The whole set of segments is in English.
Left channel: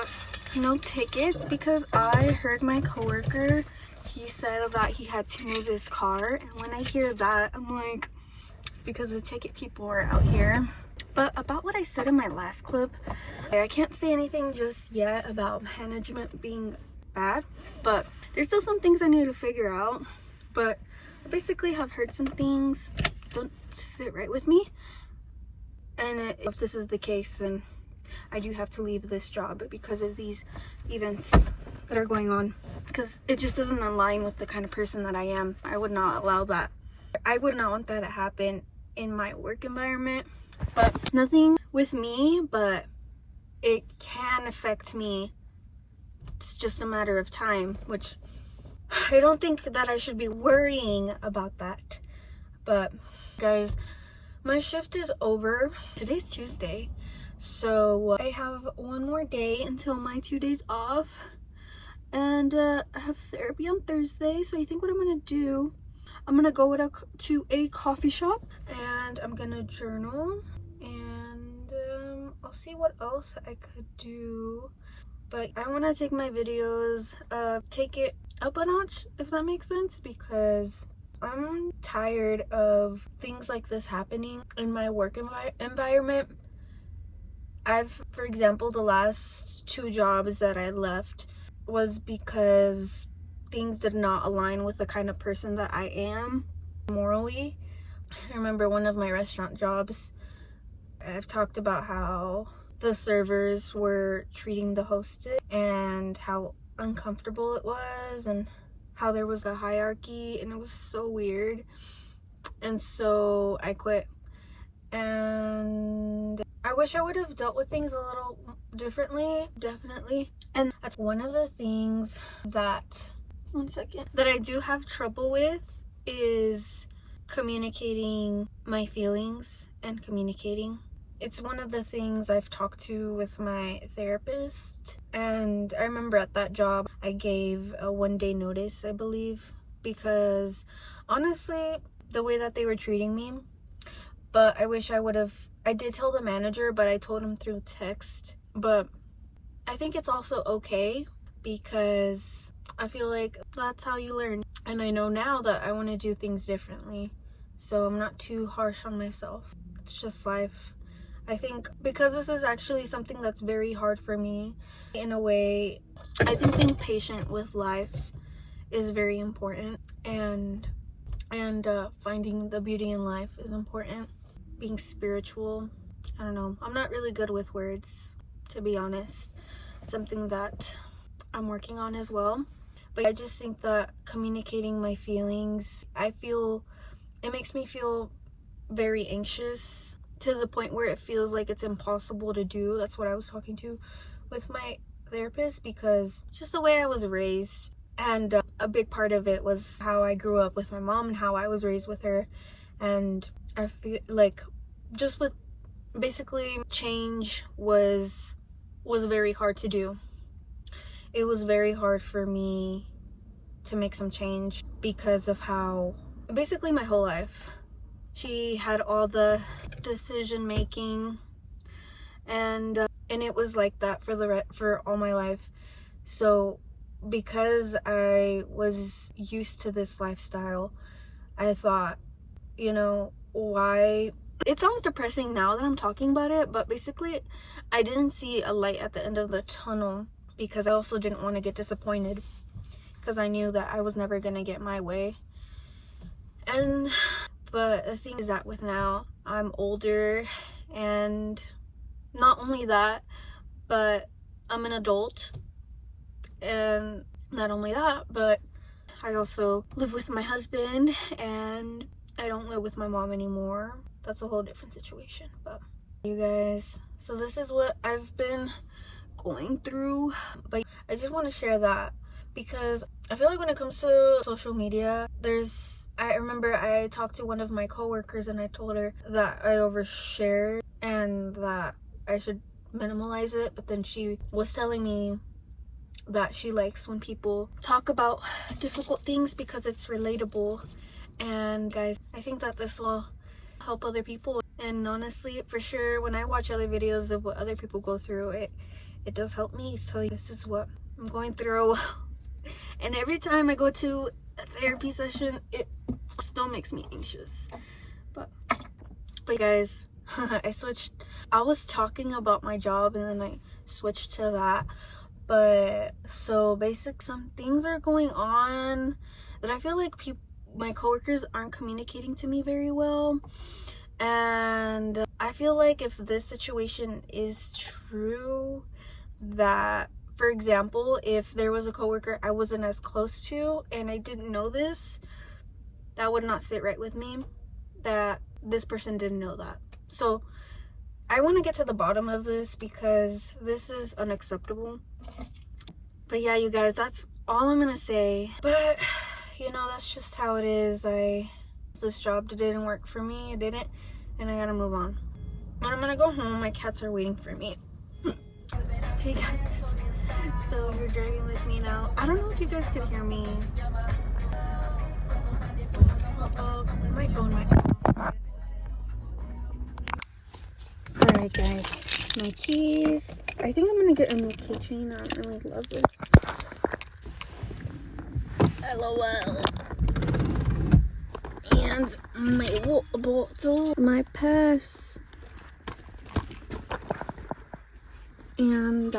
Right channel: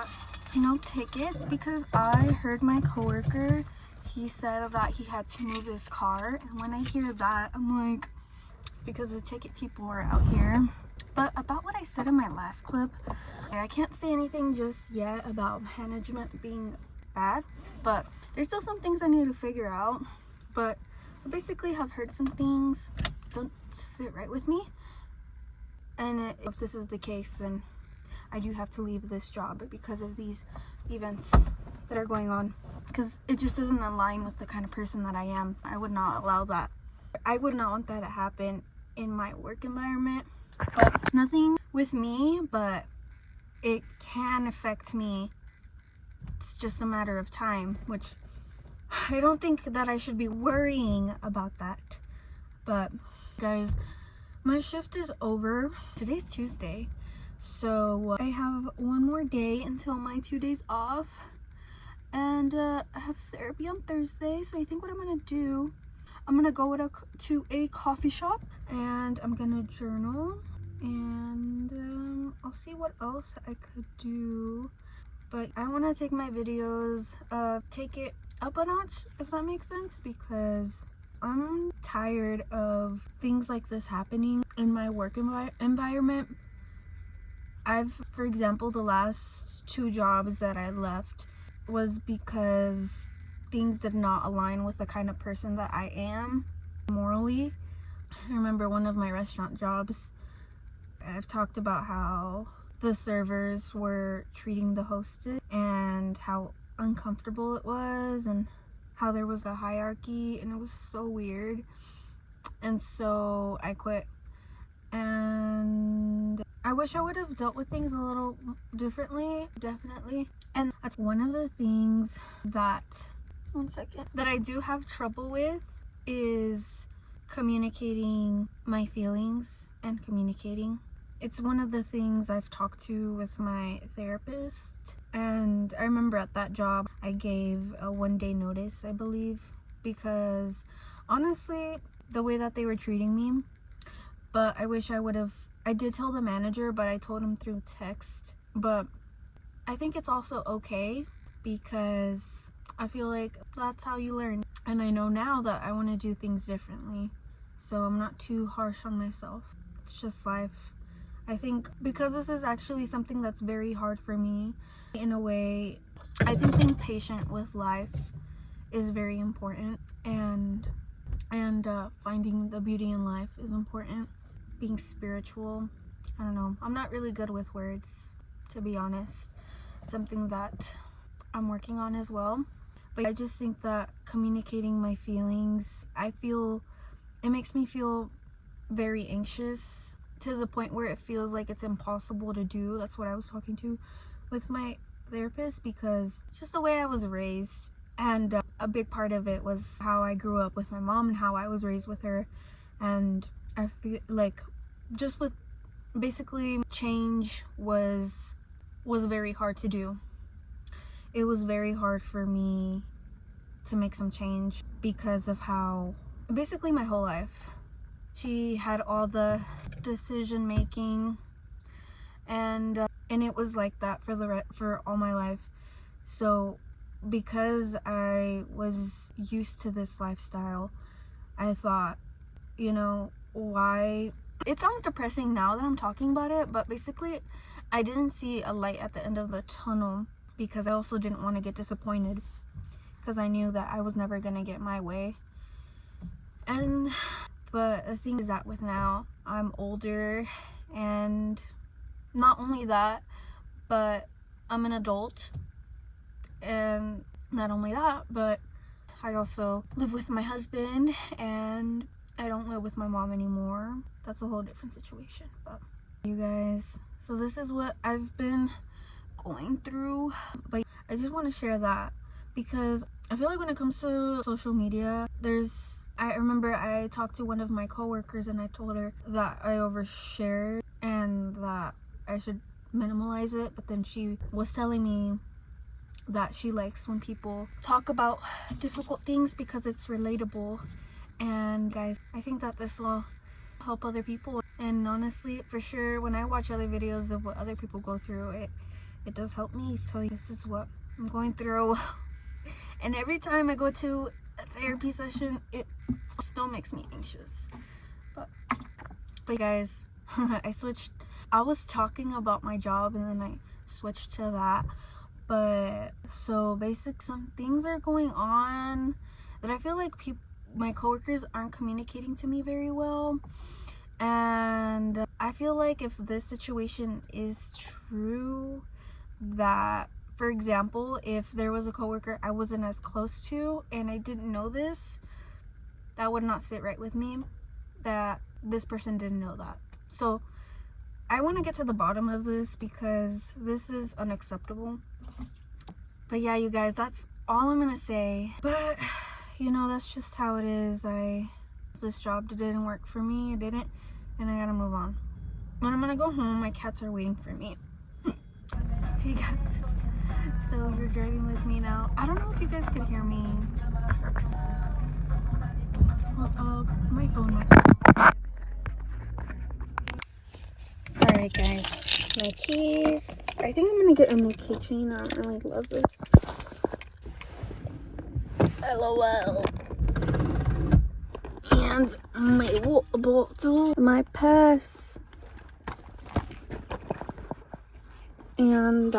got no tickets because I heard my coworker, he said that he had to move his car, and when I hear that, I'm like, it's because the ticket people were out here. But about what I said in my last clip, I can't say anything just yet about management being bad, but there's still some things I need to figure out. But I basically have heard some things don't sit right with me, and if this is the case, then I do have to leave this job because of these events that are going on, because it just doesn't align with the kind of person that I am. I would not allow that. I would not want that to happen in my work environment. But nothing with me, but it can affect me. It's just a matter of time, which I don't think that I should be worrying about that. But guys, my shift is over. Today's Tuesday, so I have one more day until my 2 days off, and I have therapy on Thursday. So I think what I'm gonna do, I'm gonna go to a coffee shop and I'm gonna journal, and I'll see what else I could do. But I want to take my videos, take it up a notch, if that makes sense, because I'm tired of things like this happening in my work environment. For example, the last 2 jobs that I left was because things did not align with the kind of person that I am morally. I remember one of my restaurant jobs, I've talked about how the servers were treating the hostess and how uncomfortable it was, and how there was a hierarchy, and it was so weird. And so I quit, and I wish I would have dealt with things a little differently, definitely. And that's one of the things that, one second, that I do have trouble with, is communicating my feelings and communicating. It's one of the things I've talked to with my therapist, and I remember at that job I gave a 1-day notice, I believe, because honestly, the way that they were treating me. But I wish I did tell the manager, but I told him through text. But I think it's also okay, because I feel like that's how you learn. And I know now that I want to do things differently, so I'm not too harsh on myself. It's just life. I think because this is actually something that's very hard for me, in a way, I think being patient with life is very important, and finding the beauty in life is important. Being spiritual, I don't know, I'm not really good with words, to be honest. Something that I'm working on as well. But I just think that communicating my feelings, it makes me feel very anxious, to the point where it feels like it's impossible to do. That's what I was talking to with my therapist, because just the way I was raised, and a big part of it was how I grew up with my mom and how I was raised with her. And I feel like just with basically change was very hard to do. It was very hard for me to make some change because of how basically my whole life she had all the decision making, and it was like that for all my life. So because I was used to this lifestyle, I thought, why, it sounds depressing now that I'm talking about it, but basically I didn't see a light at the end of the tunnel, because I also didn't want to get disappointed, because I knew that I was never gonna get my way. But the thing is that with now, I'm older, and not only that, but I'm an adult, and not only that, but I also live with my husband, and I don't live with my mom anymore. That's a whole different situation. But you guys, so this is what I've been going through. But I just want to share that, because I feel like when it comes to social media, I remember I talked to one of my coworkers, and I told her that I overshared and that I should minimalize it. But then she was telling me that she likes when people talk about difficult things because it's relatable. And guys, I think that this will help other people. And honestly, for sure, when I watch other videos of what other people go through, it does help me. So this is what I'm going through. And every time I go to a therapy session, it still makes me anxious. But guys, I was talking about my job and then I switched to that. But so some things are going on that I feel like my coworkers aren't communicating to me very well. And I feel like if this situation is true, that for example, if there was a coworker I wasn't as close to and I didn't know this, that would not sit right with me, that this person didn't know that. So I want to get to the bottom of this because this is unacceptable. But yeah, you guys, that's all I'm gonna say. But you know, that's just how it is. This job didn't work for me. It didn't, and I gotta move on. When I'm gonna go home, my cats are waiting for me. Hey guys, so you're driving with me now. I don't know if you guys could hear me. My phone might. Alright guys, my keys. I think I'm gonna get a new keychain. I don't really love this. LOL. And my water bottle, my purse, and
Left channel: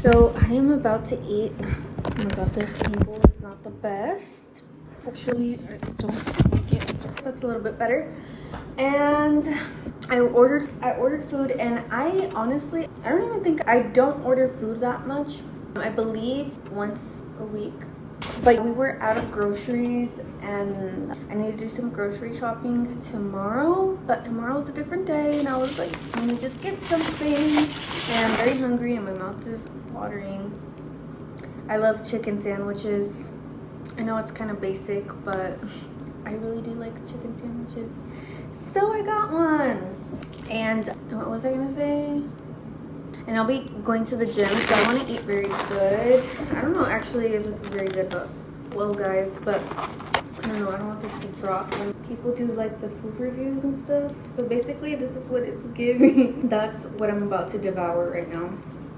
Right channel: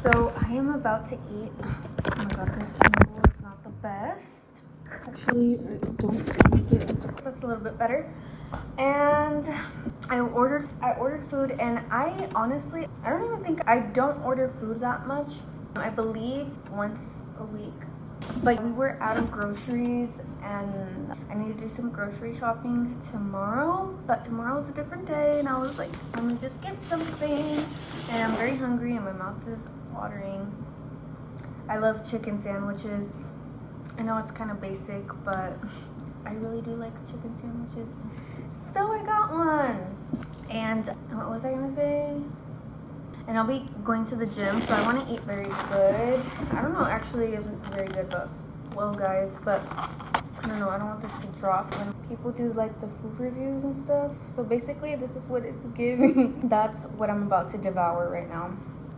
so I am about to eat. Oh my god, this table is not the best. It's actually, I don't like it. That's a little bit better. And I ordered food, and I honestly, I don't even think I don't order food that much. I believe once a week. But we were out of groceries and I need to do some grocery shopping tomorrow. But tomorrow's a different day, and I was like, let me just get something. And I'm very hungry and my mouth is watering. I love chicken sandwiches. I know it's kind of basic, but I really do like chicken sandwiches. So I got one. And what was I gonna say? And I'll be going to the gym, so I want to eat very good. I don't know actually if this is very good, but well guys, but I don't know, I don't want this to drop when people do like the food reviews and stuff. So basically this is what it's giving. That's what I'm about to devour right now.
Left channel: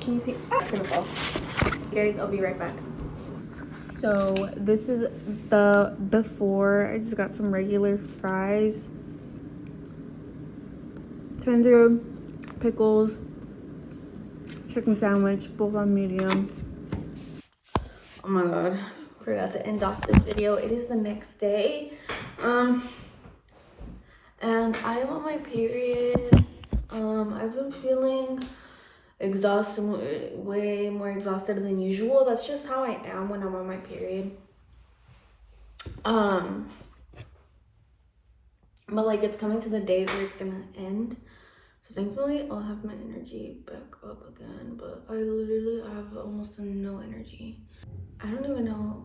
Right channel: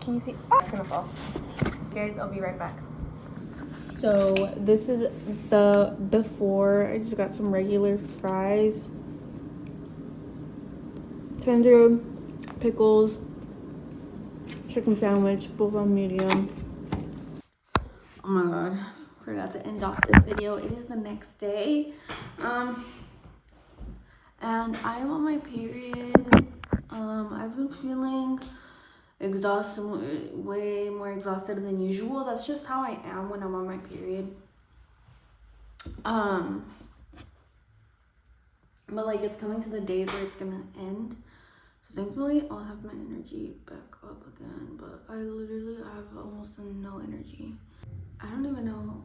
Can you see? Ah, it's gonna fall. Guys, I'll be right back. So this is the before. I just got some regular fries, tender, pickles, chicken sandwich, both on medium. Oh my god, forgot to end off this video. It is the next day, and I am on my period. I've been feeling exhausted, way more exhausted than usual. That's just how I am when I'm on my period. But like it's coming to the days where it's gonna end. So thankfully I'll have my energy back up again, but I literally have almost no energy. I don't even know.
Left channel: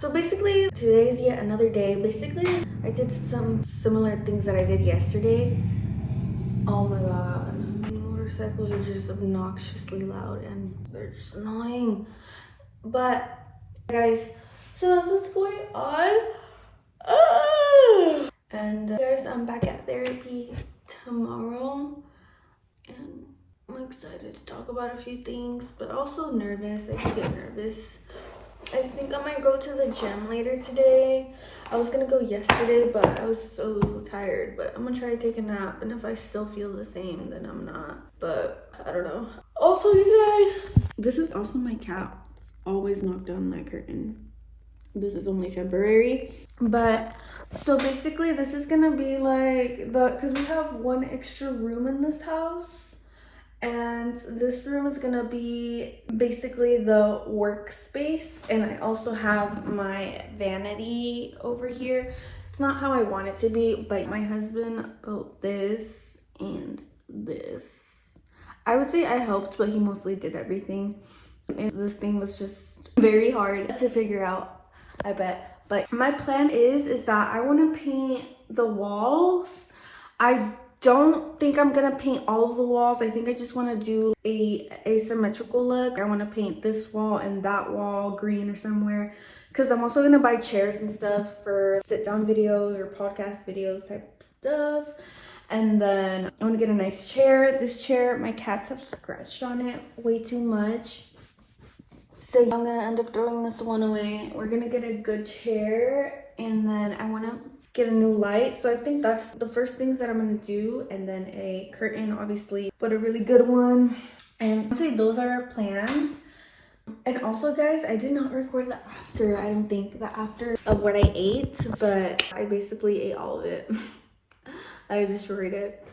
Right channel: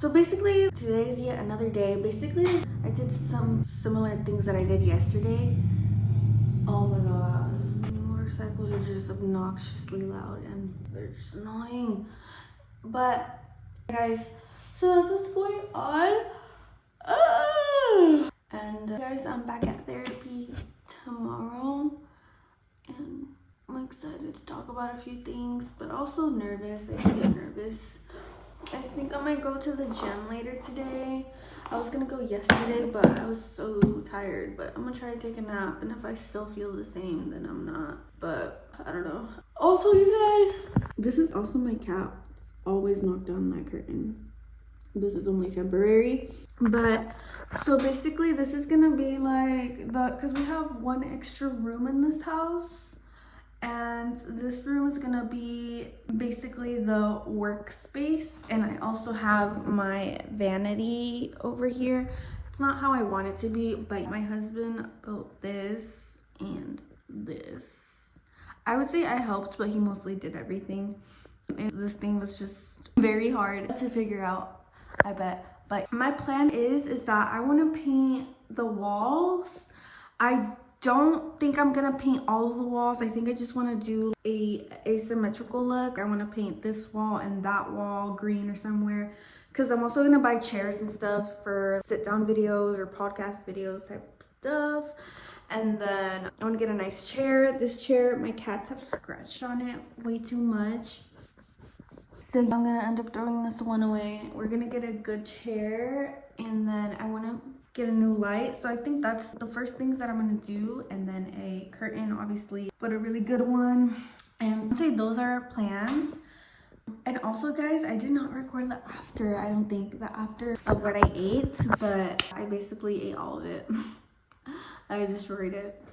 So basically today's yet another day. Basically I did some similar things that I did yesterday. Oh my god, motorcycles are just obnoxiously loud and they're just annoying. But guys, so that's what's going on. And guys, I'm back at therapy tomorrow and I'm excited to talk about a few things, but also nervous. I do get nervous. I think I might go to the gym later today. I was gonna go yesterday, but I was so tired. But I'm gonna try to take a nap, and if I still feel the same, then I'm not. But I don't know. Also, you guys, this is also my cat. Always knock down my curtain. This is only temporary. But so basically, this is gonna be like because we have one extra room in this house. And this room is gonna be basically the workspace, and I also have my vanity over here. It's not how I want it to be, but my husband built this and this. I would say I helped, but he mostly did everything. And this thing was just very hard to figure out, I bet. But my plan is that I want to paint the walls. I don't think I'm gonna paint all of the walls. I think I just want to do a asymmetrical look. I want to paint this wall and that wall green or somewhere, because I'm also gonna buy chairs and stuff for sit down videos or podcast videos type stuff. And then I want to get a nice chair. This chair, my cats have scratched on it way too much, so I'm gonna end up throwing this one away. We're gonna get a good chair, and then I want to get a new light. So I think that's the first things that I'm gonna do, and then a curtain, obviously, but a really good one. And I'd say those are our plans. And also guys, I did not record the after. I don't think the after of what I ate, but I basically ate all of it. I destroyed it.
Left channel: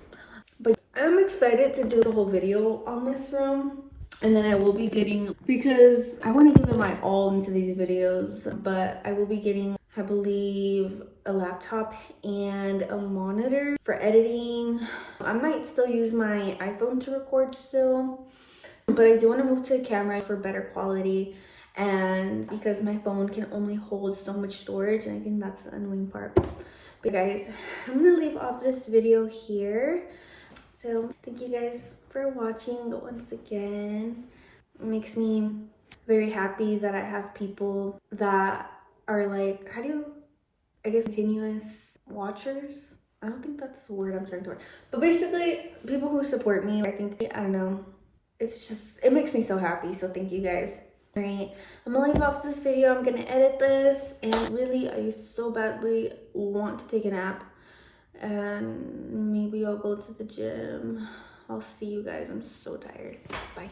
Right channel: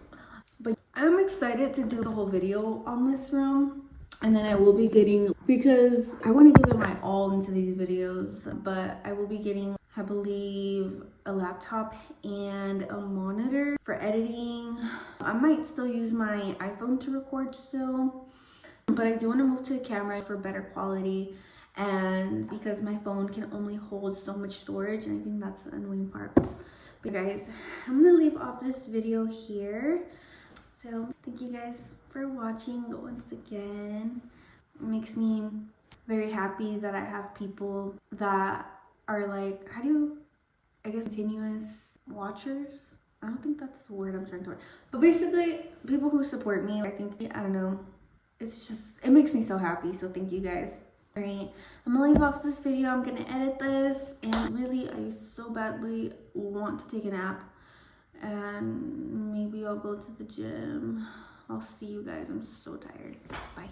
But I'm excited to do the whole video on this room. And then I will be getting, because I want to give it my all into these videos, but I will be getting, I believe, a laptop and a monitor for editing. I might still use my iPhone to record still, but I do want to move to a camera for better quality, and because my phone can only hold so much storage, and I think that's the annoying part. But guys, I'm gonna leave off this video here. So thank you guys for watching once again. It makes me very happy that I have people that are like, I guess continuous watchers. I don't think that's the word I'm trying to word, but basically people who support me. I don't know, it's just, it makes me so happy. So thank you guys. All right, I'm gonna leave off this video. I'm gonna edit this, and really I so badly want to take a nap, and maybe I'll go to the gym. I'll see you guys. I'm so tired. Bye.